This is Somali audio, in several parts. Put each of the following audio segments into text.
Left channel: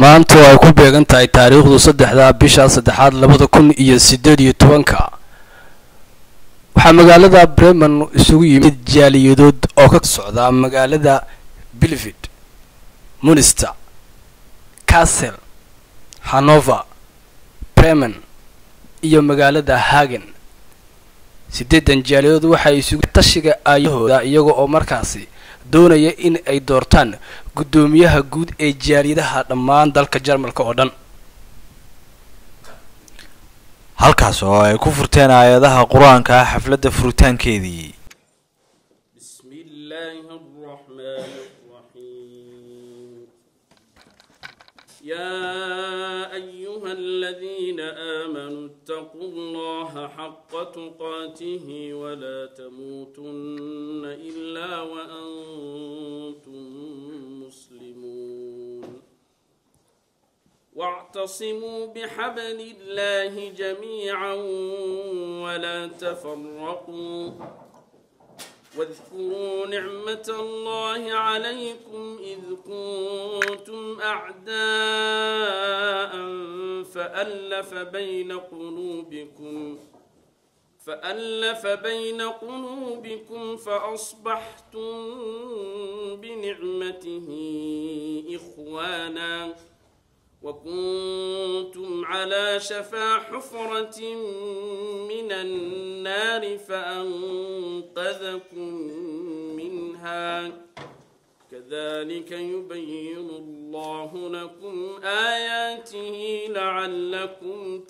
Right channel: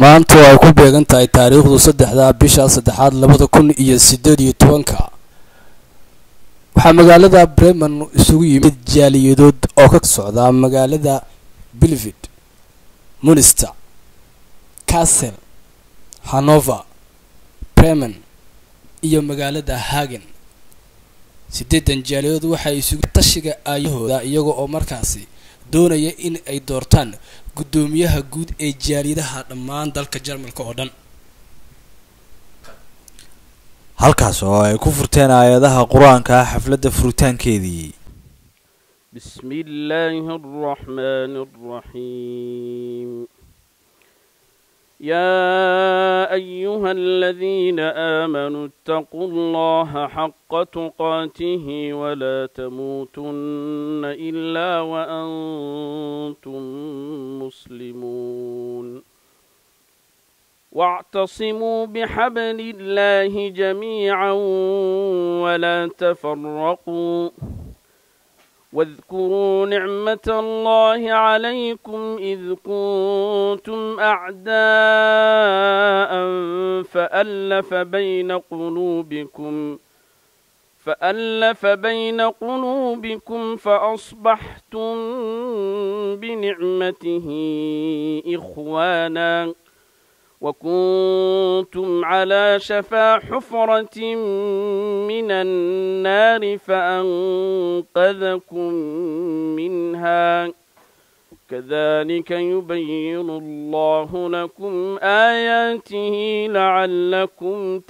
maanta ay ku beegan tahay taariikhdu 3 bisha 3 2018 waxaa magaalada Bremen isugu yimid jaaliyadood oo ka socda magaalada Bielefeld, Münster, Kassel, Hannover, Bremen iyo magaalada Hagen. 8 jaaliyadood waxay isugu tashiga ayahooda iyaga oo markaasi doonaya in ay doortaan gudoomiyaha guud ee jaaliyadaha dhammaan dalka Jarmalka oo dhan. halkaas oo ay ku furteen aayadaha quraanka xafladda furitaankeedii. Bismillahir Rahmanir Rahim. يا أيها الذين آمنوا اتقوا الله حق تقاته ولا تموتن إلا وأنتم مسلمون واعتصموا بحبل الله جميعا ولا تفرقوا واذكروا نعمة الله عليكم إذ كنتم أعداء فألف بين قلوبكم فأصبحتم بنعمته إخوانا وكنتم على شفا حفرة من النار فأنقذكم منها كذلك يبين الله لكم آياته لعلكم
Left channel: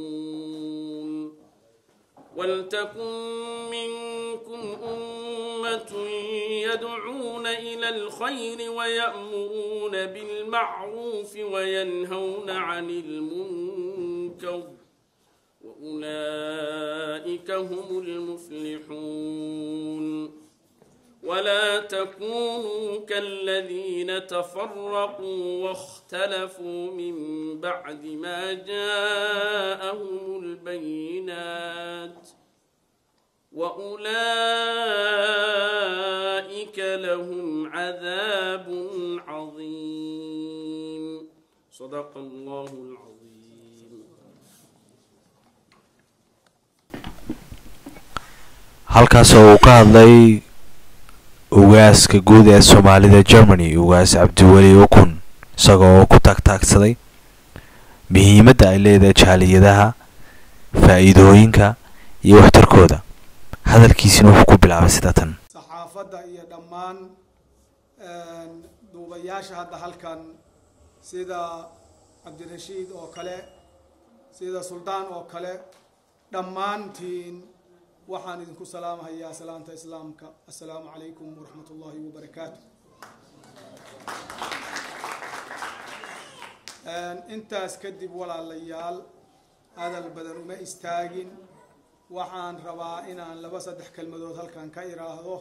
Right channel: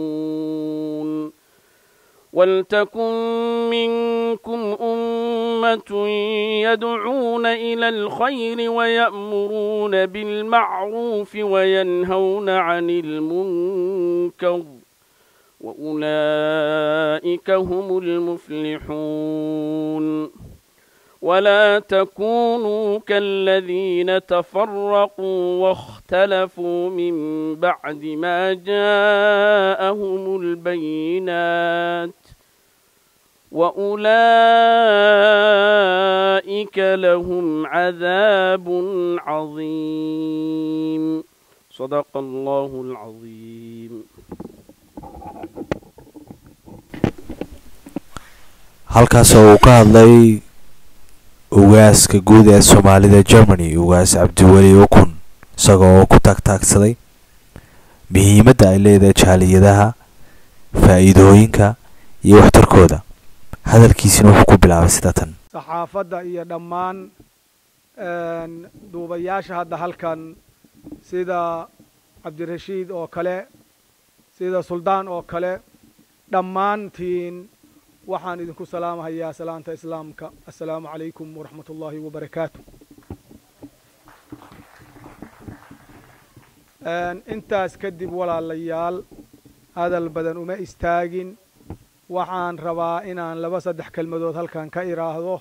تهتدون ولتكن منكم أمة يدعون إلى الخير ويأمرون بالمعروف وينهون عن المنكر وأولئك هم المفلحون ولا تكونوا كالذين تفرقوا واختلفوا من بعد ما جاءهم البينات وأولئك لهم عذاب عظيم صدق الله العظيم. halkaas oo ka hadlay ugaaska guud ee Soomaalida Germany ugaas Cabdiweli Ukun isagoo ku taagtaagsaday muhiimadda ay leedahay jaaliyadaha faa'iidooyinka iyo waxtarkooda. hadalkiisina wuxuu ku bilaabay sida tan: saxaafadda iyo dhammaan duubayaasha hadda halkan sida Cabdirashiid oo kale sida Suldaan oo kale dhammaantiin waxaan idinku salaamayaa salaanta islaamka. assalaamu calaykum waraxmatullaahi wabarakaatuh. intaas kadib walaalayaal hadal badan uma istaagin. waxaan rabaa inaan 2-3 kelmadood halkan ka iraahdo.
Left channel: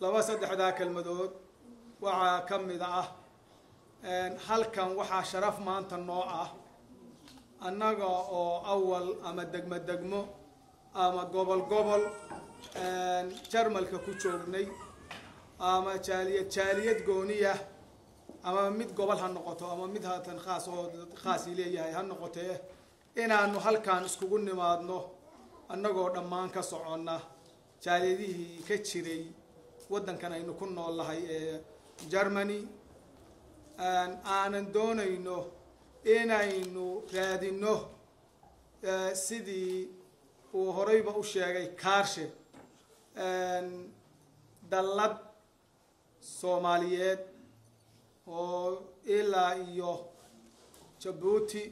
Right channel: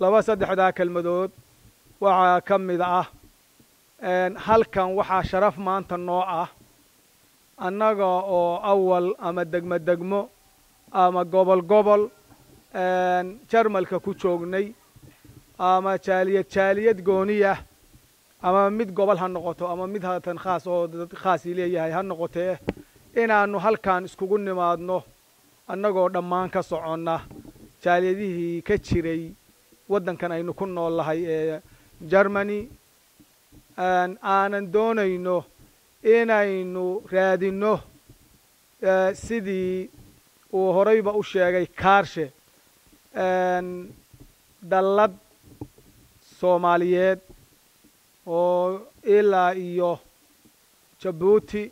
2-3 kelmadood waxaa ka mid ah halkan waxaa sharaf maanta noo ah annaga oo awal ama degmo ama gobol Jarmalka ku joognay ama jaaliyad gooniya ama mid gobol ha noqoto ama mid haatan khaas oo dad khaas leeyahay ha noqotee inaanu halkan iskugu nimaadno annagoo dhammaan ka soconna jaaliyadihii ka jiray waddankan aynu ku noolahay ee Germany aanan doonayno inaynu raadino sidii uu horeyba u sheegay Kaarshe dallad Soomaaliyeed oo ilaa iyo Djibouti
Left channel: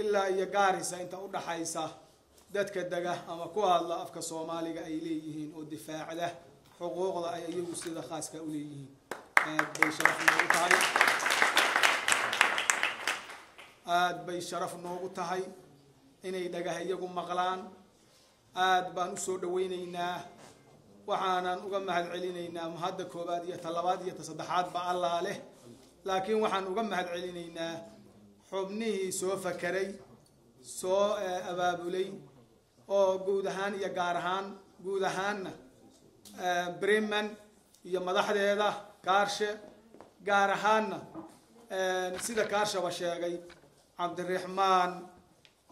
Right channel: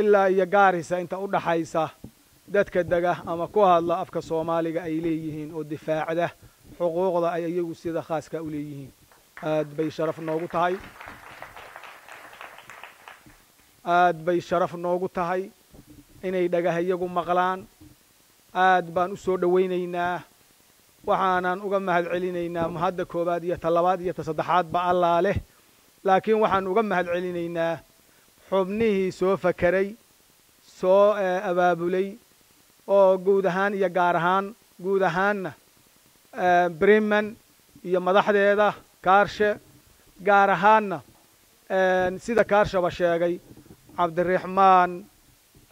ilaa iyo Gaarisa inta u dhaxaysa dadka daga ama ku hadla afka Soomaaliga ay leeyihiin oo difaacada xuquuqda ay iyagu sida khaaska u leeyihiin. aad bay sharaf noogu tahay inay dhagaha iyagu maqlaan. aad baan u soo dhaweynaynaa. waxaanan uga mahad celinaynaa mahadda koobaad iyo talabaad iyo saddexaad ba Allah leh. laakiin waxaan uga mahad celinaynaa xubnihii soo fakaray soo abaabulay oo guud ahaan iyo gaar ahaan guud ahaanna Bremen iyo madaxdeeda Kaarshe gaar ahaanna sida kaarshaba sheegay cabdiraxmaan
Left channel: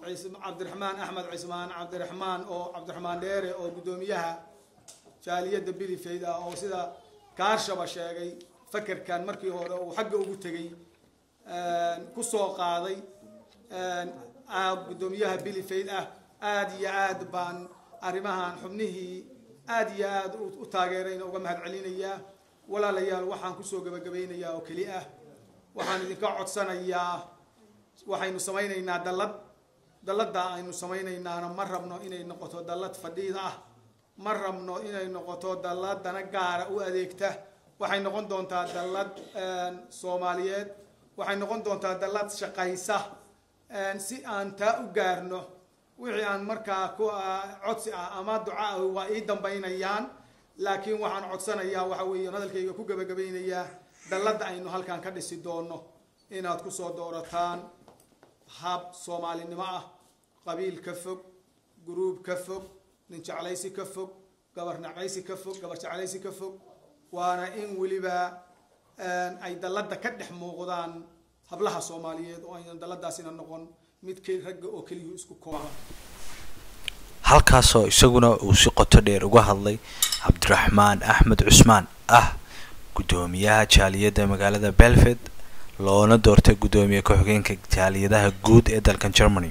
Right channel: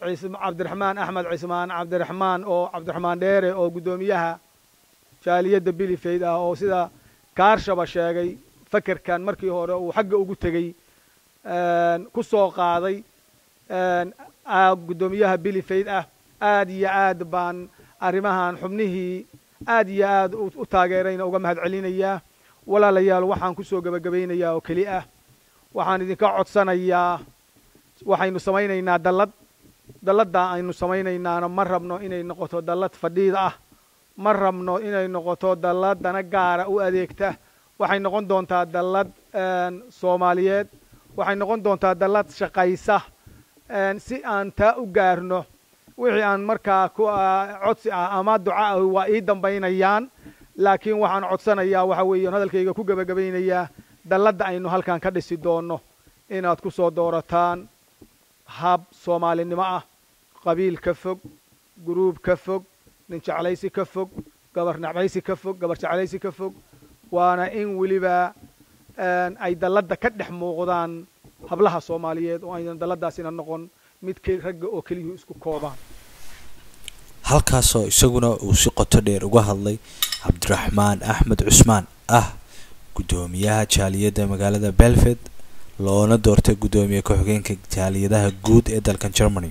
axmed cismaan cabdiraxmaan dheere oo guddoomiyaha jaaliyadda bilifayd ah oo sida kaarshaba sheegay fakerkan markii hore uu xagga ugu tegey ku soo qaaday guddoomiyaha bilifayd ah aad iyo aad baan arrimahan xubnihii aad iyo aad u taageerayna uga mahad celinayaa walaalayaal waxaan kusoo gabagabaynayaa oo keli ah waxaan idinka codsanayaa waxaynu samaynaynaa dalladda aynu samaynaynaana ma rabno inay noqoto dallad fadhiid ah ma rabno inay noqoto dallad dana gaara u adeegta waxay noqon doontaa dallad soomaaliyeed waxay noqon doontaa dallad shaqaysa si aan taa u gaarno wixii aan markaa codsi ah ama duca ah waa ii dambaynayaan laakiin waxaan codsanayaa waxa weeye hadalkayga ku gabagabaynayaa dalladda aynu halkan ka dhisi doono inaad ku soo doorataan hab soomaalinimo ah qabiil ka fog guruub ka fog nin jeclaysi ka fog gabar nacbaysi ka fog gabar jeclaysi ka fog waana in weliba ay dalladda ka dhex muuqdaan hablaha soomaaliyeed oo aynan dalladaasina noqon mid ragga oo keliya isku koobaan halkaasoo isaguna uu si qoto dheer uga hadlay cabdiraxmaan axmed cusmaan ah guddoomiyaha jaaliyadda magaalada belfed loona doortay guddoomiye ku-xigeenka jaaliyadaha guud ee dalkan Germany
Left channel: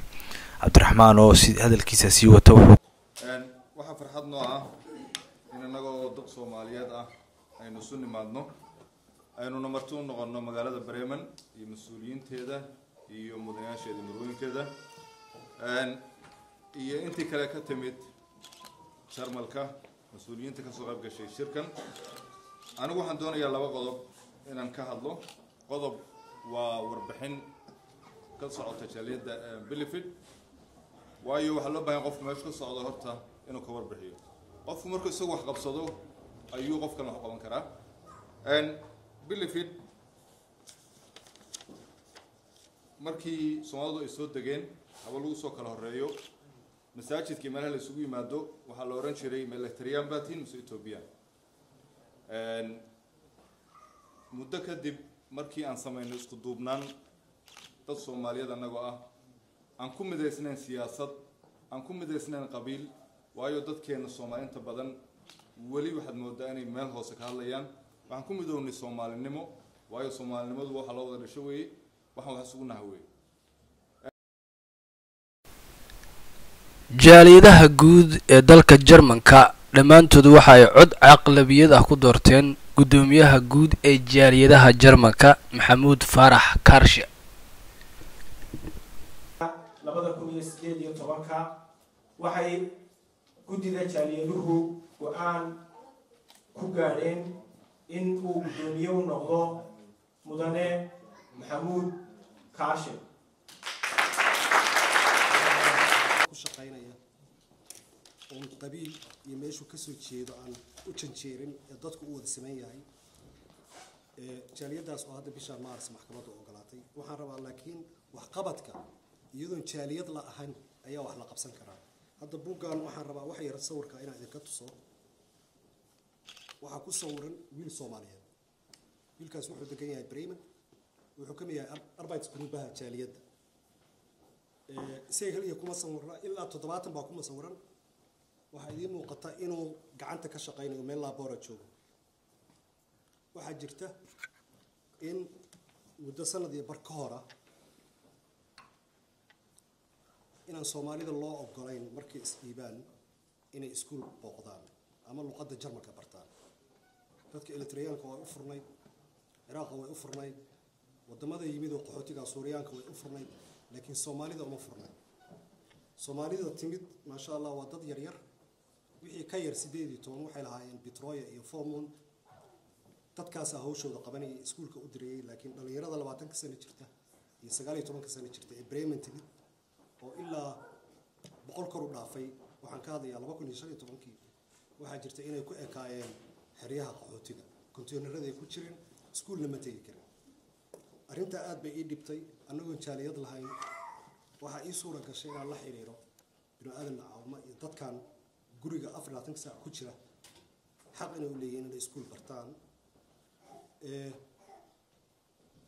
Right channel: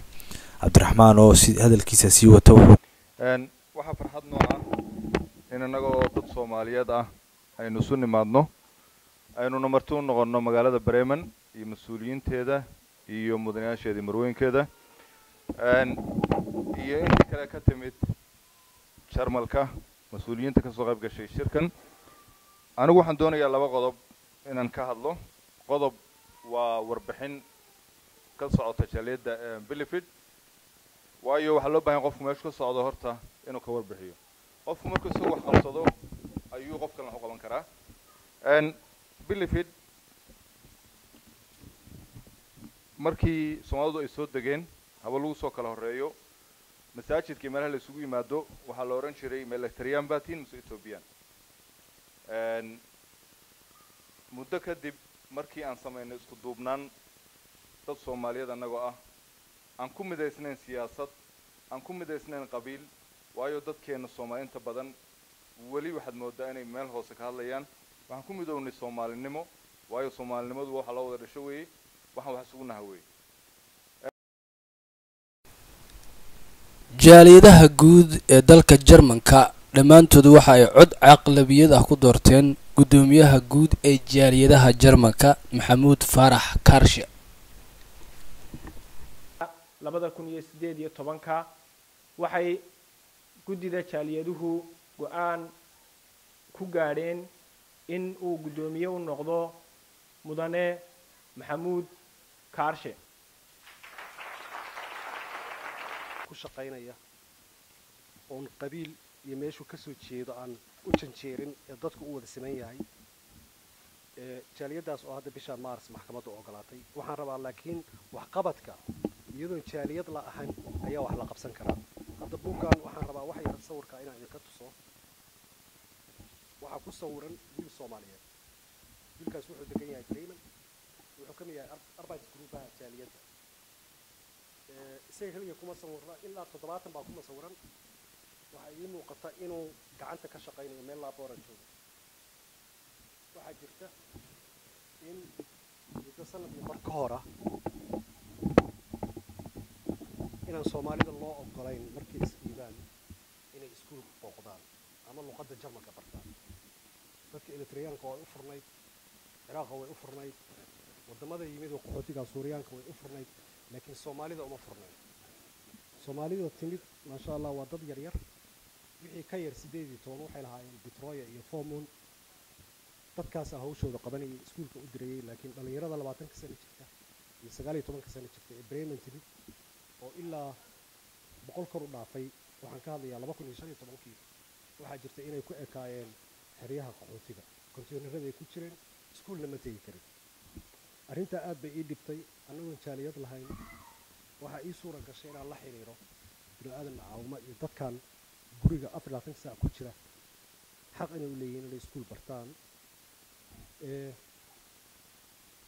cabdiraxmaan oo hadalkiisa sii wata waxaa farxad noo ah in anagoo dad Soomaaliyeed ah aynu isu nimaadno aynu marti u noqono magaalada Bremen iyo mas'uuliyiinteeda iyo mudanayaasheeda marweynkeeda iyo intii kale ka timid Jarmalka mas'uuliyiinta ka soo qayb gashay shirkan anigu waxaan doonayaa laba qodob inaan ka hadlo qodob waa warbixin ka socota jaaliyadda Bilifid waayo waxa loo baahan qofku meesha ka socdo horta inuu ka warbixiyo qofku markuu soo wax qabsado ayuu qofkan wax qaban karaa Bilifid markii Soomaalidu ay soo degeen haba lagu soo kala horeeyo masaajidkii meelaha la isugu yimaado waxaa la oran jiray Electrian Batin mise Ethiopian muddo kadib markii aan sameeyno isku duubnaan dad Soomaaliyeed anagoo ah aan ku midaysnayn siyaasad aan ku midaysnayn qabiil waayo dadkeena Soomaaliinta badan wali waxaad moodaa inay meel hoose ka hadlayaan waxaan ku midownay Soomaalinimo waayo Soomaalinimadu waxa la wada dhashay weey waxaan wax isugu nahay weey jaaliyadaha guud ee dalka Jarmanka dhamaantood waxa ay cod aqlabiyad ah ku doorteen guddoomiyaha guud ee jaaliyadaha Jarmanka Maxamuud Faarax Kaarshe 2018 waxay guddida jaaliyaduhu go'aan ku gaadheen in uu guddoomiye u noqdo mudane Maxamuud Kaarshe on qabiil iyo meeshu ka soo jeedo aan u janjeerin ee dadku u wada sameyn yahay jaaliyadaas oo hadda bisha Maars maxkamadda ogolaatay waxaan rabaa laakiin wax qabadka iyadoo jaaliyad la ahayn ayaa wax la qabsan karaa hadda buugaan waxaan rabaa wax yar sawirka inaan idinka tuso waxa ku sawiran wiil Soomaaliyeed wiilkaas wuxuu degan yahay Bremen wuxuu ka mid yahay arbeidsgruubaha jaaliyadda say heliya kuma sawirna ilaa 70 baa kuma sawiran waxa idin muuqata inuu gacanta ka shaqeynayo meel laboora joogo waxa jirta in muddo sanadii marka hore inaan Soomaalida loo ogolayn markii isdiibaan inay iskuul booqdaan ama luqadda Jarmalka bartaan dadka Eritreanka waa u furnay Ciraaq waa u furnay wadamada yimid oo qaxootiga Suuriyaanka waa u furnay laakiin Soomaalida uma furnay Soomaalida timid ma sha Allah waa dad yar yar wixii ka yar 18 waxay lahaayeen Detroit iyo Formon dadkaas hawshooda qabanayay iskuulka u dirayay laakiin dhalinyarada 20 sano jirta iyo 19 sano jirta ee Bremen timid oo ilaa 100 kor u dhaafay waxaan ka hadlayaa 2015 waxa jirta inay ku ekaayeen xeryaha qaxootiga konteenarada ay ku jireen iskuulna ma tagi kareen arrinta aad bay ii dhibtay anagoo jaaliyad lahayn waxa ii suura gashay inaan la xiriiro bini'aadan caawimo iyo dadkan guriga 24 saac ku jira xaq inay u leeyihiin inay iskuul bartaan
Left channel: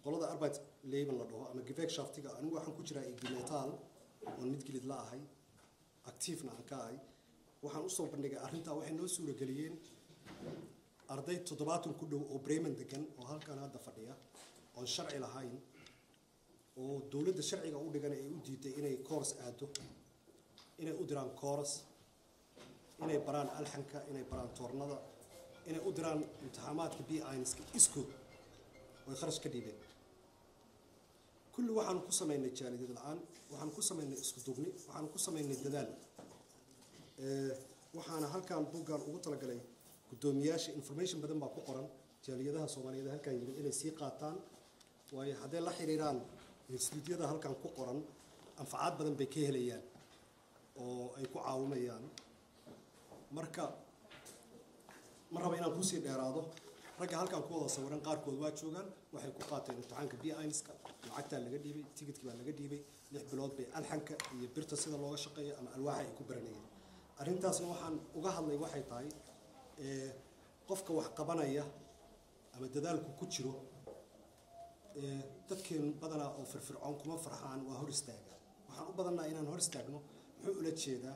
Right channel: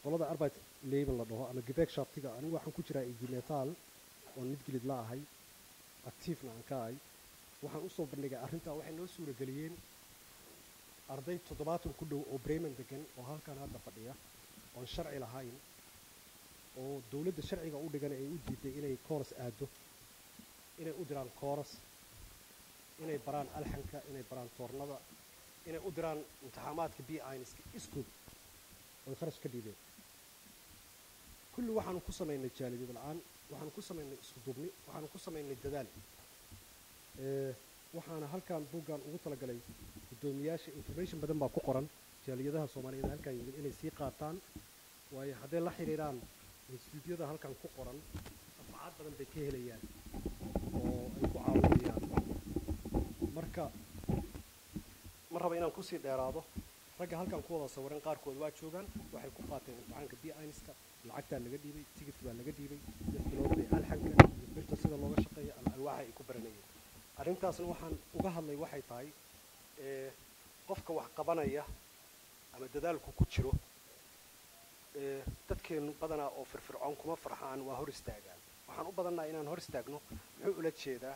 qolada arbeit leben la dhaho ama gewerkschaftiga anigu waxaan ku jiraa IG Metall oon mid gilid la ahay actiefna aan ka ahay waxaan u soo bandhigay arrintaa waxay noo suurageliyeen arday 70 ku dhow oo Bremen degan oo halkan hadda fadhiya oon sharci lahayn oo dawladda sharciga u dhigan ay u diiday inay course aado inay u diraan course inay baraan alxanka inay baraan toornada inay u diraan imtixaamaadka B1-ska iskuul oo kharash ka dhiibeen kulli waxaan ku sameynay jaaliyad la'aan waxaan ku sameynay isku duubni waxaan ku sameynay dadaal waxaana halkan buuggan ugu talagalay gudoomiyaasha information badan baa ku qoran jaaliyadaha Soomaaliyeed halkan yimid inay sii qaataan waayo haddii la xiriiraan instituutyada halkan ku qoran anfacaad badan bay ka helayaan oo ay ku caawinayaan marka ma raba inaan kusii dheeraado ragga halkan ku wada sawiran qaarkood waa joogaan waxay ku qaateen imtixaanka B1-ska lacagtaa laga dhiibay tigidhka baa laga dhiibay 6 bilood bay alxanka iyo birta sida looga shaqeeyo ama alwaaxa ay ku baranayeen arrintaasna waxaan uga hadlay waxay tahay qofka wax qabanaya ama dadaalku ku jiro dadkeenu badanaa oo firfircoon kuma farxaan waa hor istaagaan waxaan u badannahay inaan hor istaagno muxuu ula jeedaa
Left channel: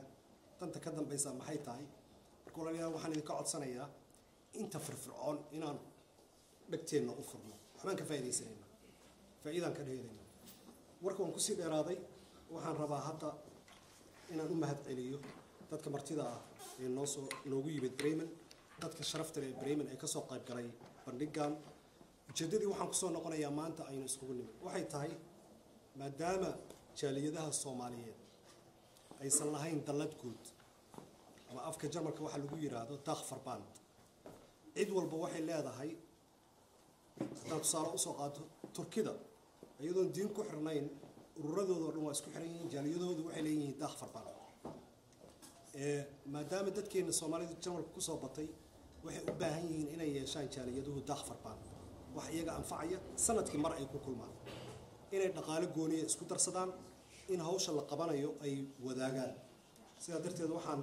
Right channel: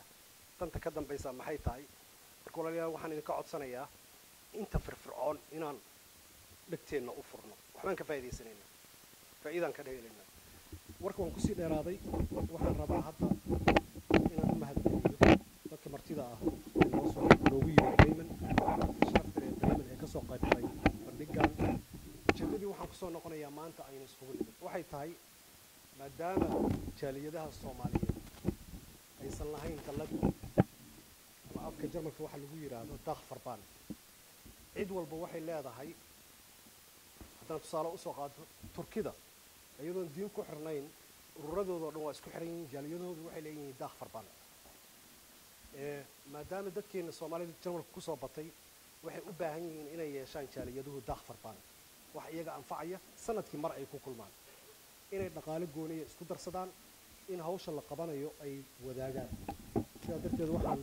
danta ka dambaysa maxay tahay marka walaalayaal waxaan idinka codsanayaa inta firfircoon inaan dhagteenna u furno waxbaan ka faa'iidaysanaynaa faa'iidaan ka dheeraynaa warka waan kusii dheeraaday waxaan rabaa hadda inaan u mahadceliyo dadka martida ah ee noogu yimid Bremen dadka sharafta leh Bremen ee kasoo qayb galay bandhigan ujeedadii waxaan kusoo noqonayaa maanta aynu iskugu nimid waxay tahay maadaama jaaliyadaha Soomaaliyeed aysan lahayn dallad guud ama afka Jarmalka waxa lagu yiraahdo Dachverband cid walba waxay leedahay haddaan tusaale usoo qaato Turkida iyadoon diin ku xirnayn ururadooda oo dhan waa isku xiran yihiin jaaliyadoodu waxay leeyihiin Dachverband maadaama dadkeena Soomaalida Jarmalka kusoo batay waxay u baahan yihiin inay yeeshaan jaaliyaduhu Dachverband wax iyaga anfacaya sanadkii mar ay ku kulmaan inay dhaqaale gooniya isku darsadaan in hawsha la qabanayo ay wadaagaan sidaa darteed waxaan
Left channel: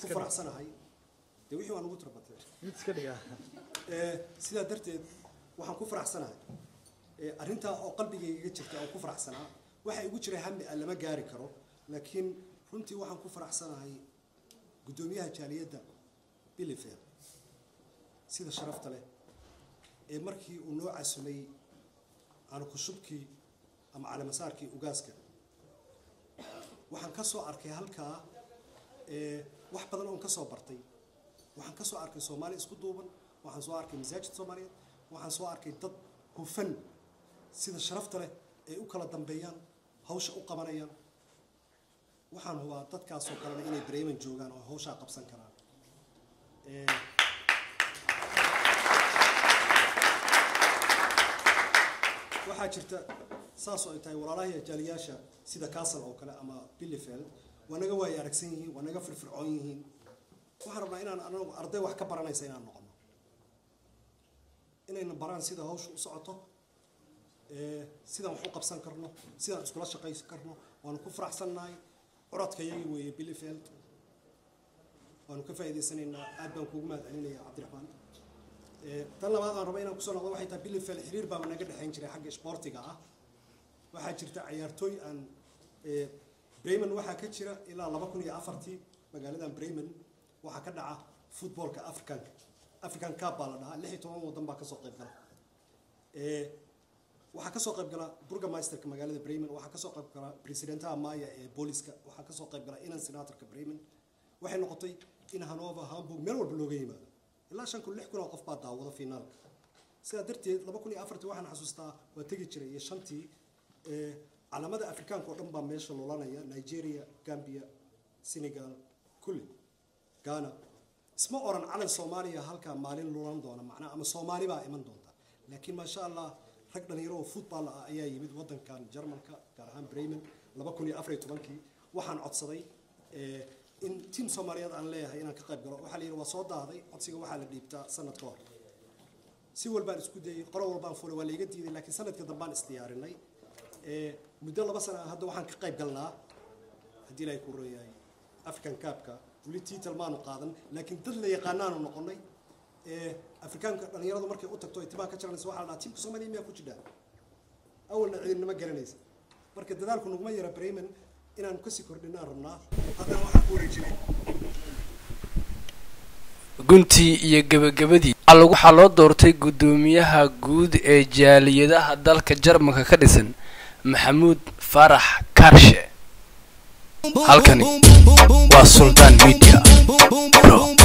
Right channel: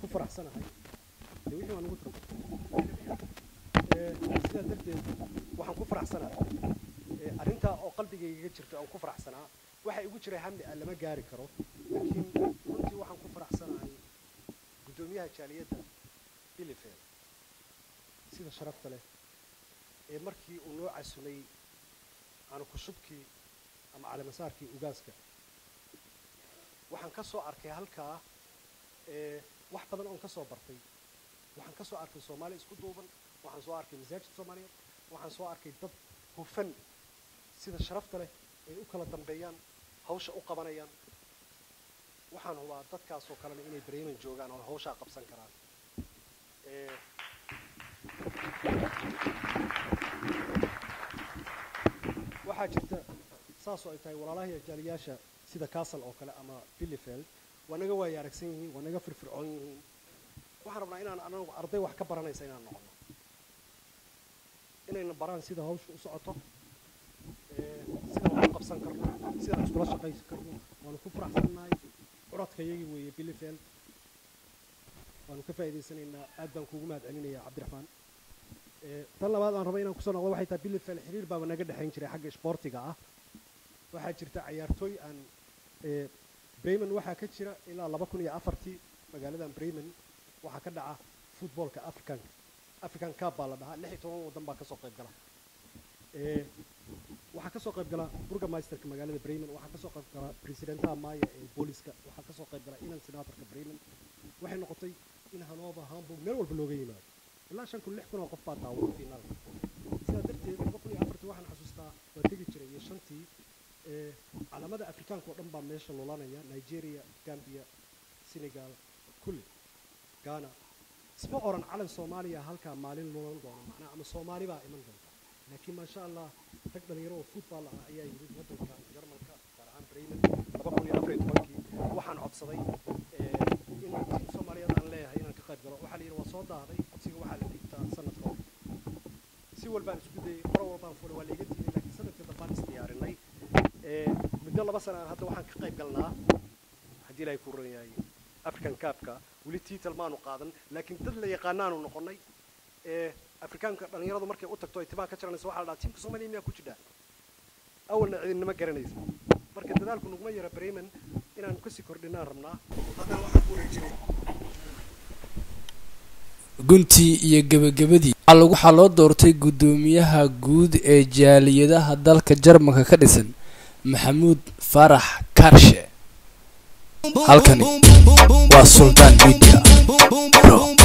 ku faraxsanahay wixii waan ugu sidaa darteed waxaan ku faraxsanahay arrintaa oo qalbigayga jirta oo ku faraxsanaa waxa igu jiray hammi aan lama gaari karo laakiin runtii waxaan ku faraxsanahay gudoomiyaha jaaliyadda Bielefeld sida sharafta leh ee markii uu noo casumay aan ku shubkii ama calaamasaarkii ugaaska waxaan ka soo arkay halkaa wax badan oo ka soo bartay waxaan ka soo arkay Soomaali isku duuban waxaan soo arkay misaajid Soomaaliyeed waxaan soo arkay dad hufan sida sharafta leh ay u kala dambeeyaan hawsha u qabanayaan waxaan hubaa dadkaas oo kale inay Bremen joogaan oo hawsha qabsan karaan waxaa jirta saas oo ay tahay walaalaha jaaliyaasha sida Kassel oo kale ama Bielefeld waa naga waay aragsan yihiin waa naga firfircoon yihiin waxaan rabnaa inaan anagu arday wax ka baranaysa inaan noqono inayna baraan sida hawsha u socoto sida aan qabsan karno sida aan iskula shaqaysan karno waan ku faraxsanahay codkayga weeye Bielefeld waan ka faa'iideysanaynaa aad baan kuugu mahadcelinayaa Cabdiraxmaan tan labaad aan rabaa inaan ku soo noqdo waxay tahay Bielefeld xiriir baa naga dhaxayn jiray xagga sportiga ah waxaa jirta ciyaartooy aan Bremen waxaa ka jira ilaa 2004 magaaladan Bremen waxaa ka dhaca footballka African Cup baa la dhahaa 16 wadan baa ka soo qayb gala waxaa ka soo qayb gala burgomeisterka magaalada Bremen waxaa ka soo qayb gala presidenta Maya ee booliska waxaa ka soo qayb gala inaan senatorka Bremen waxay noqotay in Hanover Hamburg meel walba looga yimaado ilaa 5,000 qof baa daawada finaal sidaa darteed 2004 waxaan xasuustaa waa tagi jiray iyo shantii calamada Afrikaanka oo dhan baa meesha loolanaya Nigeria Gambia Senegal kulli Ghana isma oran calan Soomaaliya halka maalin loolan doona macna ama Soomaali baa iman doonta laakiin ma sha Allah rag dhalinyaro oo football ah ayaa yimid wadankan Jarmalka gaar ahaan Bremen 2014 waxaan codsaday in team Soomaaliyeed aan leeyahay inaan ka qayb galo waxa la yiri waa soo daaday codsiga waxa la dhiibtaa sanad ka hor si walbaan isku dayay qoro walbaan fuulay waa la iga diiday laakiin sanadka dambaan isdiyaarinay muddo 2 sano hadda waxaan ka qayb galnaa hadii ay ku rayay African Cup-ka wali title maanu qaadan laakiin dad la yaqaanaan oo noqonay afrikaanka dhalinyaradu markay u tagto itibaar ka jaranaysa waxaa la dhahaa tiimka Soomaaliya miyaa ku jira awalna cidina ma garanaysa marka dadaalku nuguma yara Bremen inaan ku sii kordhinaa rabnaa haddana waxaan ku wareejiyo guntii iyo gabagabadii waxaa loo doortay guddoomiyaha guud ee jaaliyadaha dalka Jarmalka ka dhisan Maxamuud Farax Kaarshe halkani waa Sultan Media Bro